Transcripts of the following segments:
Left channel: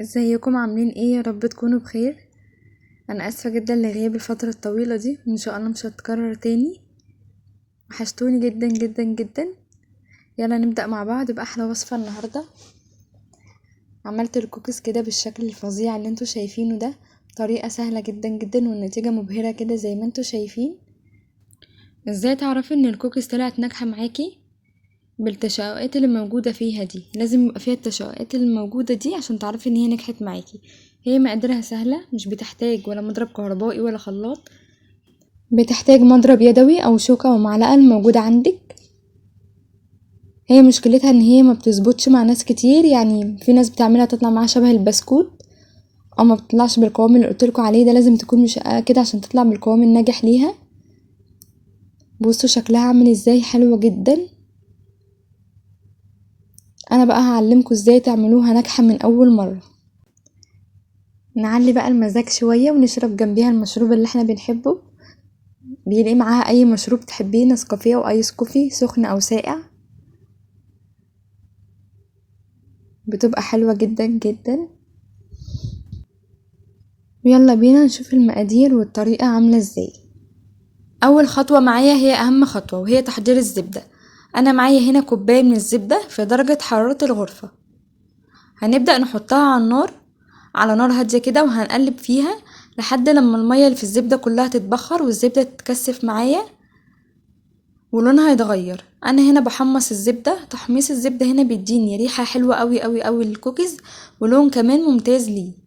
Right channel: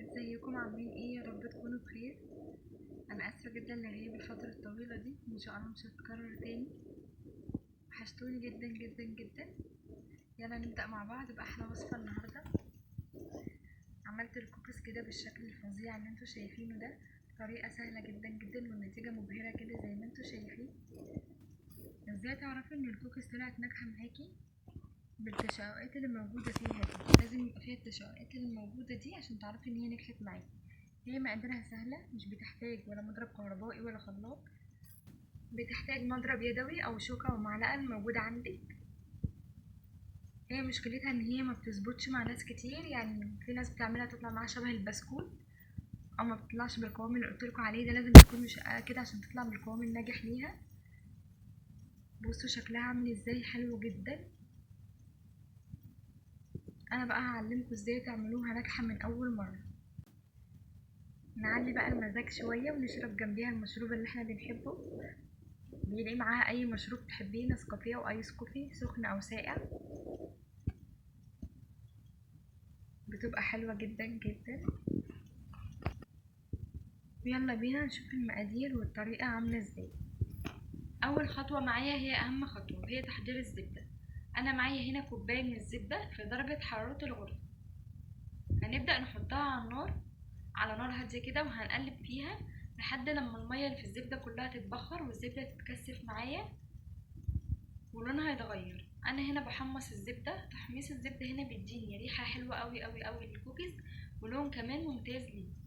ازيكم عاملين ايه؟ يا رب تكونوا بخير. انا اسفه جدا لغياب الفتره الطويله دي، وان شاء الله مش هتكرر تاني. وحشتوني جدا جدا جدا. يلا نبدا مع بعض باحلى وصفه النهارده. عملت الكوكيز كده بالشكل الفظيع اللي انتوا شايفينه ده، طريقه سهله جدا جدا والنتيجه مبهره كده زي ما انتوا شايفين. ازاي تعرفي ان الكوكيز طلعت ناجحه معاكي؟ بالتشققات اللي موجوده فيها دي، لازم يبقى فيها التشققات اللي موجوده دي عشان تعرفي ان هي نجحت معاكي. هي مقاديرها سهله، مش بتحتاج ولا مضرب كهربائي ولا خلاط، بتحتاج مضرب يدوي او شوكة ومعلقة الموجودة عندك. هي مشكلتها ان هي ما بتظبطش مع ناس كتير، يعني في ناس بتعملها تطلع معاها شبه البسكوت او ما بتطلعش بالقوام اللي قلتلكوا عليه ده. لازم تكون مشققة كده عشان تطلع بالقوام الناجح ليها. بصوا شكلها عامل ازاي، حلوة جدا. انا بقى هعلمكوا ازاي تعملوها ناجحة من اول مرة. نعلي بقى المزاج شوية ونشرب جنبيها المشروب اللي احنا بنحبه. بيلاقي معاها اي مشروب تحبيه، نسكافيه او ايس كوفي سخن او ساقع، بتبقى حلوة جدا جدا. يلا بينا نشوف المقادير والطريقة عاملة ازاي. اول خطوة معايا هي اهم خطوة، وهي تحضير الزبدة. انا معايا هنا كوباية من الزبدة في درجة حرارة الغرفة. هنبدأ نحطها على النار، على نار هادية كده، وهنقلب فيها لحد لما المية اللي في الزبدة كلها تتبخر والزبدة تتكثف معايا ولونها يتغير. انا هنا بحمص الزبدة. تحميص الزبدة هنا بيديني ريحة حلوة قوي قوي قوي للكوكيز، ولون كمان ممتاز ليه.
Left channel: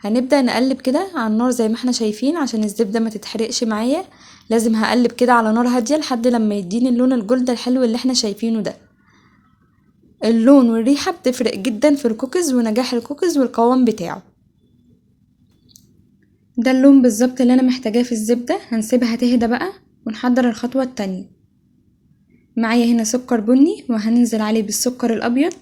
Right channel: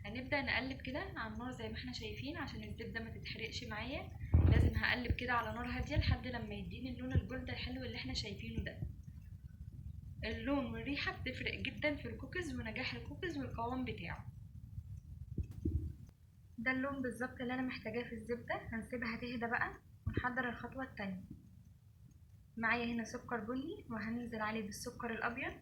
هنبدأ نقلب كده على النار زي ما احنا شايفين عشان الزبدة ما تتحرقش معايا. لازم هقلب كده على نار هادية لحد لما يديني اللون الجلد الحلو اللي احنا شايفينه ده. اللون والريحة بتفرق جدا في الكوكيز ونجاح الكوكيز والقوام بتاعه. ده اللون بالظبط اللي انا محتاجاه في الزبدة. هنسيبها تهدى بقى ونحضر الخطوة التانية. معايا هنا سكر بني وهننزل عليه بالسكر الابيض،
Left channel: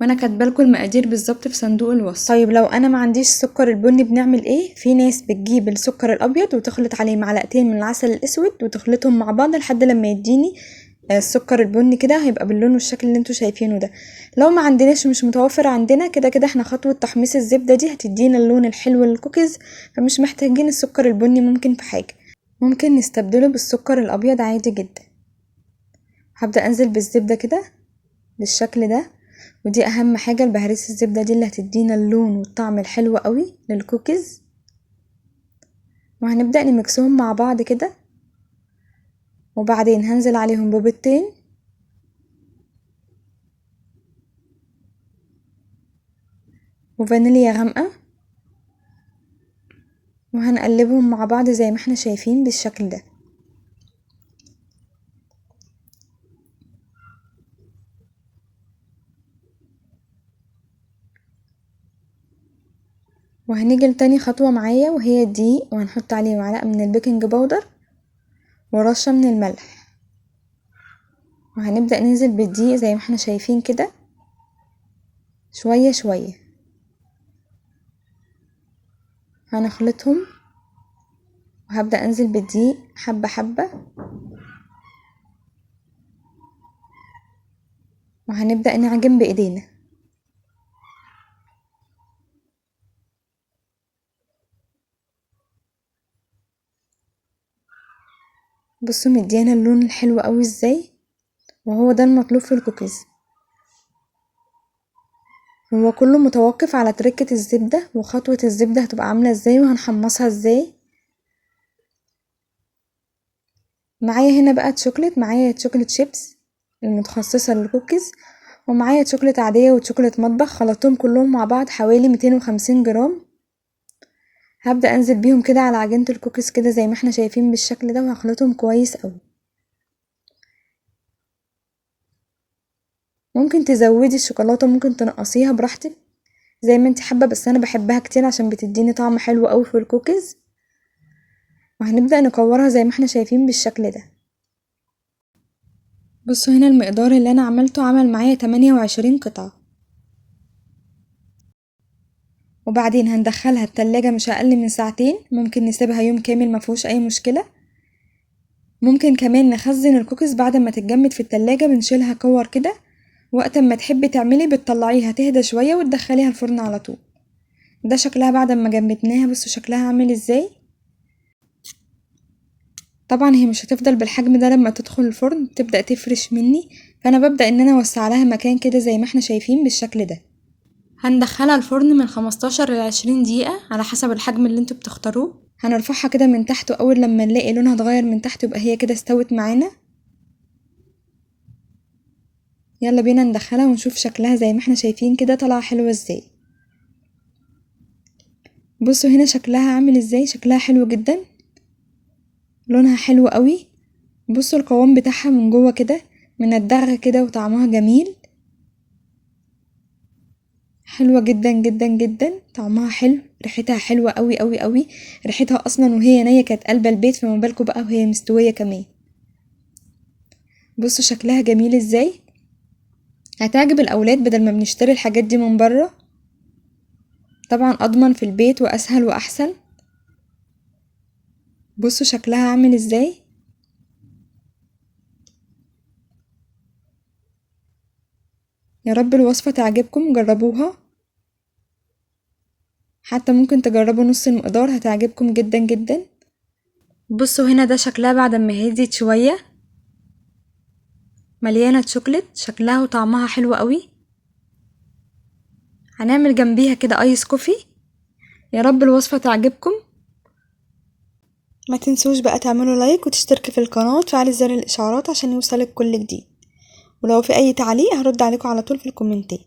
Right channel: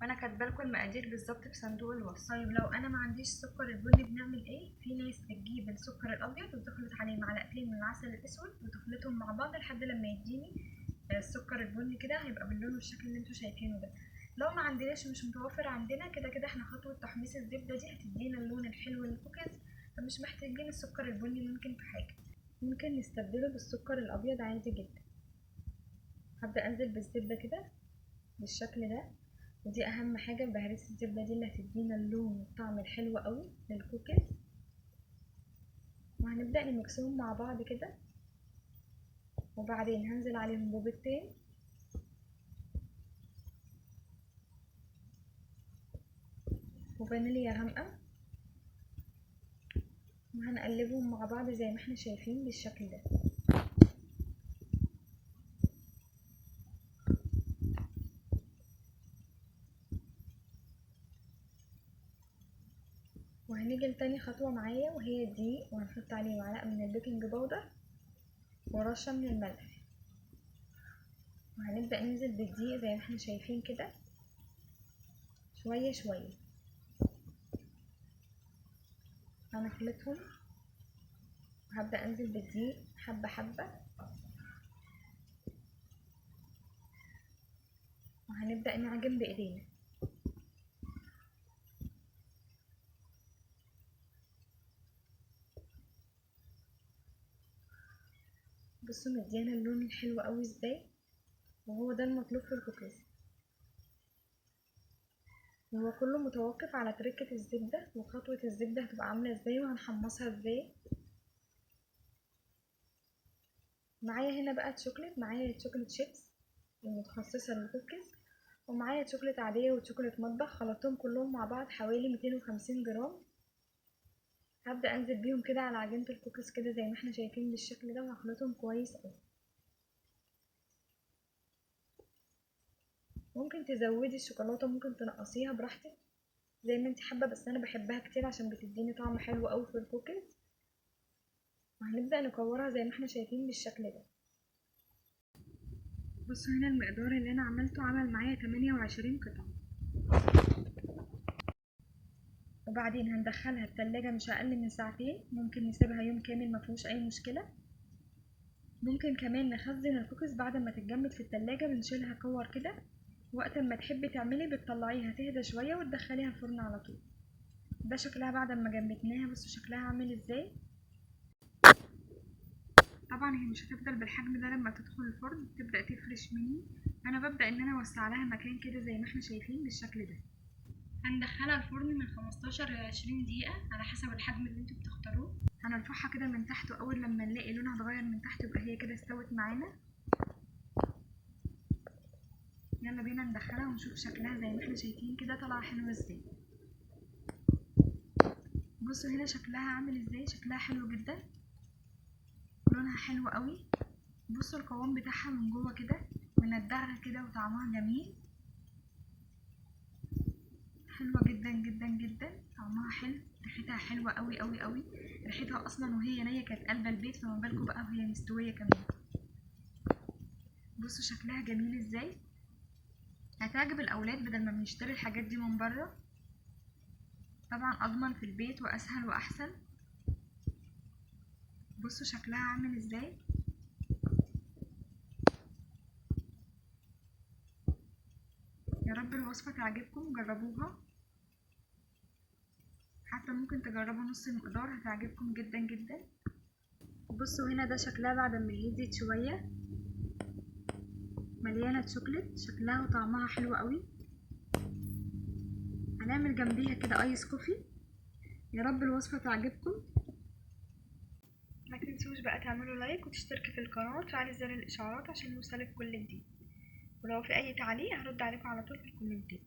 وانا كاتبالكوا المقادير بالظبط في صندوق الوصف. طيب لو انا ما عنديش السكر البني بنعمل ايه؟ في ناس بتجيب السكر الابيض وتخلط عليه معلقتين من العسل الاسود وتخلطهم مع بعض لحد لما يديني السكر البني كده، هيبقى باللون والشكل اللي انتوا شايفينه ده. لو ما عندناش، مش متوفر عندنا، كده كده احنا خطوة تحميص الزبدة دي هتدينا اللون الحلو للكوكيز، فمش محتاجين السكر البني. ممكن في حاجة ممكن نستبدله بالسكر الابيض عادي جدا. هبدأ انزل بالزبدة كده بالشكل ده، ودي اهم حاجة، البهاريز الزبدة دي اللي هتدينا اللون والطعم الحلو قوي للكوكيز. وهنبدأ نمكسهم مع بعض كده، وبعدين هنزل عليهم ببيضتين وفانيليا غامقة، وهنقلبهم مع بعض زي ما احنا شايفين بالشكل ده. وهنيجي لتاني خطوة معايا، وهي الدقيق، وهنحط عليه معلقة من البيكنج باودر ورشة من الملح. وهنبدأ ننزل بالدقيق زي ما احنا شايفين كده شوية شوية. هنخلطهم، وهبدأ انزل بالدقيق حبة حبة، وهنبدأ نعجن بإيدينا. بصوا مديانا اللون الحلو قوي ازاي، وهو ده المطلوب في الكوكيز. هو كله متوقف على تركة الزبدة وخطوة الزبدة هتبقى عاملة ازاي وهنحمصها ازاي. معايا هنا بقى تشوكلت، معايا تشوكلت شيبس المتخصصة للكوكيز، ومعايا تشوكلت عادية وتشوكلت مطبخ، خلطتهم كلهم مع بعض حوالي 250 جرام. هبدأ انزل بيهم كده على عجينة الكوكيز كده زي ما احنا شايفين بالشكل ده، وهخلطهم كويس قوي. ممكن تزودي الشوكولاتة، ممكن تنقصيها براحتك زي ما انت حابة، بس انا بحبها كتير عشان بتديني طعم حلو قوي في الكوكيز. وهنبدأ نكورها زي ما احنا شايفين بالشكل ده. بصوا هنا المقدار اللي انا عملته عمل معايا 28 قطعة. وبعدين هندخلها التلاجة مش اقل من ساعتين، ممكن نسيبها يوم كامل مفيهوش اي مشكلة. ممكن كمان نخزن الكوكيز بعد ما تتجمد في التلاجة، بنشيلها كور كده وقت ما تحبي تعملي بتطلعيها تهدى شوية وتدخليها الفرن على طول. ده شكلها بعد ما جمدناها، بصوا شكلها عامل ازاي. طبعا هي مش هتفضل بالحجم ده لما تدخل الفرن، تبدأ تفرش مني، فانا ببدأ ان انا اوسع لها مكان كده زي ما احنا شايفين بالشكل ده. هندخلها الفرن من 15 ل 20 دقيقة على حسب الحجم اللي انتوا بتختاروه. هنرفعها كده من تحت، واول لما نلاقي لونها اتغير من تحت يبقى هي كده استوت معانا. يلا بينا ندخلها ونشوف شكلها زي ما احنا شايفين كده طالعه حلوه ازاي. بصوا هنا شكلها عامل ازاي، شكلها حلو جدا، لونها حلو قوي. بصوا القوام بتاعها من جوه كده مندغه كده وطعمها جميل، حلوه جدا جدا جدا، طعمها حلو، ريحتها حلوه قوي قوي قوي. ريحتها اصلا وهي نيه كانت قلبه البيت، فما بالكم بقى وهي مستويه كمان. بصوا شكلها جميل ازاي، هتعجب الاولاد بدل ما بنشتري الحاجات دي من بره. طبعا اضمن في البيت واسهل واحسن. بصوا شكلها عامل ازاي. يا رب الوصفة تعجبكم، جربوها، حتى ممكن تجربوا نص المقدار هتعجبكم جدا جدا. بصوا هنا ده شكلها بعد ما هديت شوية، مليانة شوكليت، شكلها وطعمها حلو قوي. هنعمل جنبيها كده ايس كوفي. يا رب الوصفة تعجبكم. ما تنسوش بقى تعملوا لايك وتشتركوا في القناة وتفعلوا زر الاشعارات عشان يوصلك كل جديد، ولو في اي تعليق هرد عليكم على طول في الكومنتات.